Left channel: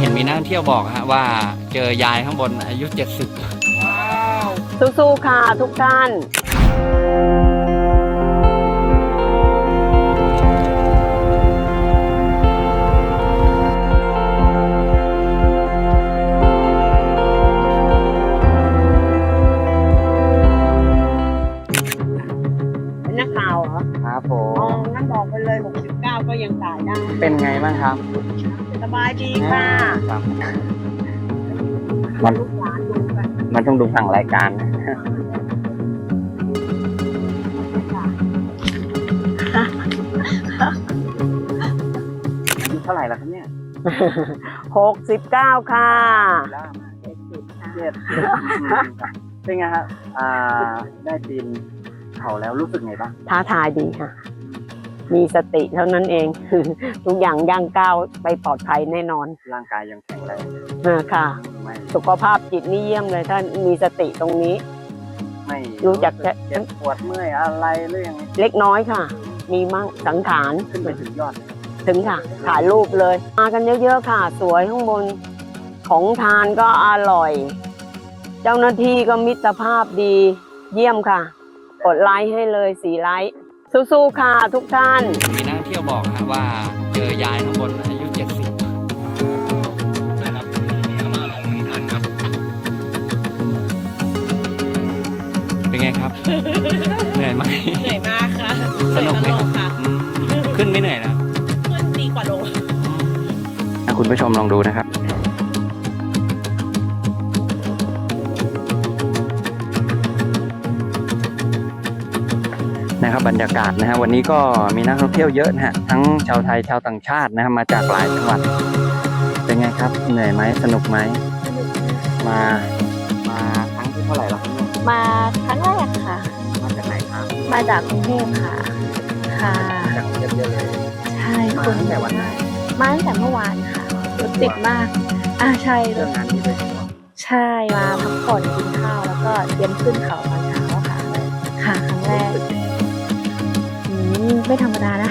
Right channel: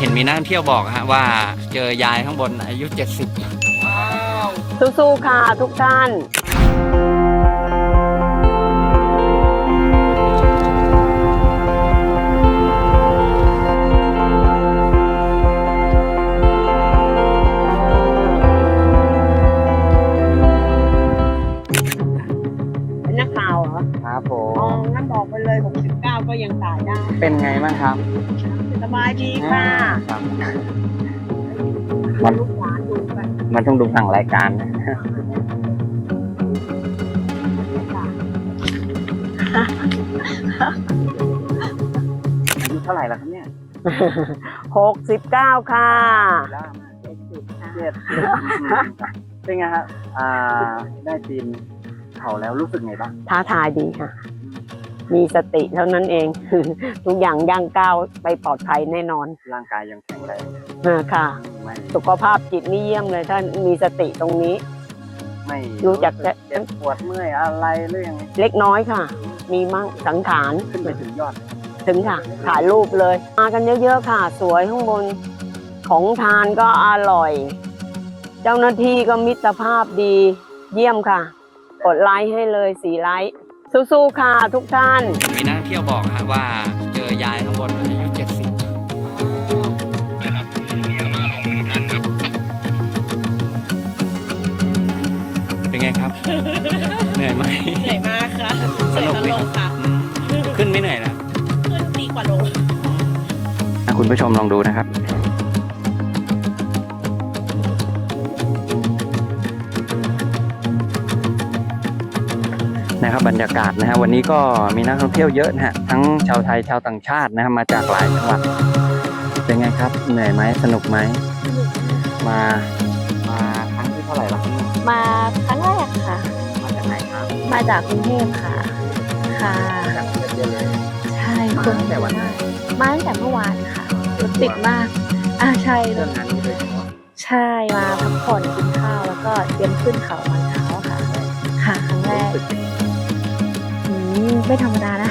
เห็นมีนักท่องเที่ยวบอกฮะว่าเจอยายข้างบนอายุ70สู้ๆค่ะทุกท่าน เป็นนักข่าวเหรอครับผอ๋อม งั้นบอกไปเลย 69 ก็ยังตายได้ เป็นไงบ้างครับ สบายดีค่ะครับมันลูกหลานดูกันมันต้องดูฝั่งรายการนะอายุเท่าไหร่แล้วครับเนี่ย69ค่ะล่ามากเจ็ดสิบเจ็ดสิบเป็นไงครับอ่า ได้ปีนเขาแล้วรู้สึกไงบ้างท้าทายดีค่ะ มีสติเท่านั้นเอง ทุกอย่างย่างก้าวไปปลอดภัยแน่นอนร่างกายยังแข็งแรงเออค่ะ ไม่สุขภาพจิตนี่เยี่ยมเลยถ้ามีสติตรงนี้ ไม่รู้จักสึเจ็บปวดเมื่อยอะไรหรือยังไงเล็กน้อยค่ะ มีมั่งสังขาร ขึ้นไปถึงยอดเลยครับถึงค่ะ ถ่ายรูปเลย มากันเยอะๆค่ะ สวยข้างบน ของทานก็อร่อย เจ้าหน้าที่ก็มิตรภาพดี เยี่ยมค่ะ กดไลค์ให้เลยสีไลค์ สู้ๆค่ะทุกท่าน มีนักท่องเที่ยวบอกฮะว่าเจอยายข้างบนอายุ 70เป็นไงครับ เหนื่อยไหมเหนื่อยมากค่ะสนุกไหมเหอยตลค่ะ อืมขึ้นไม่เหนื่อยนะ ขึ้นดีกว่าลง อะคุณผู้ชมลองดูนะครับ นะครับบรรยากาศนะฮะวันนี้ก็มีนักท่องเที่ยวเยอะนะฮะทั้งชาวไทยชาวต่างชาตินะฮะมาจากหลายจังหวัด เป็นไงครับ เหนื่อยไหมสนุกไหมมามาครั้งที่เท่าไหร่แล้วครับเนี่ยมาครั้งแรกค่ะ มาจากไหนครับมาจากกรุงเทพค่ะ ค่ะ มาจากกรุงเทพเยอะเลยใช่มาคนตั้งแต่วันไหนมาตั้งแต่เมื่อวานค่ะรถติดมาก อ่าใช่เรื่องงานนี้โดยเฉพาะใช่มาพักผ่อนกินข้าวแล้วก็เตรียมขึ้นเขาตอนเช้าค่ะ ค่ะ ครั้งแรกรู้สึยังไงอืม ไม่ธรรมดานะ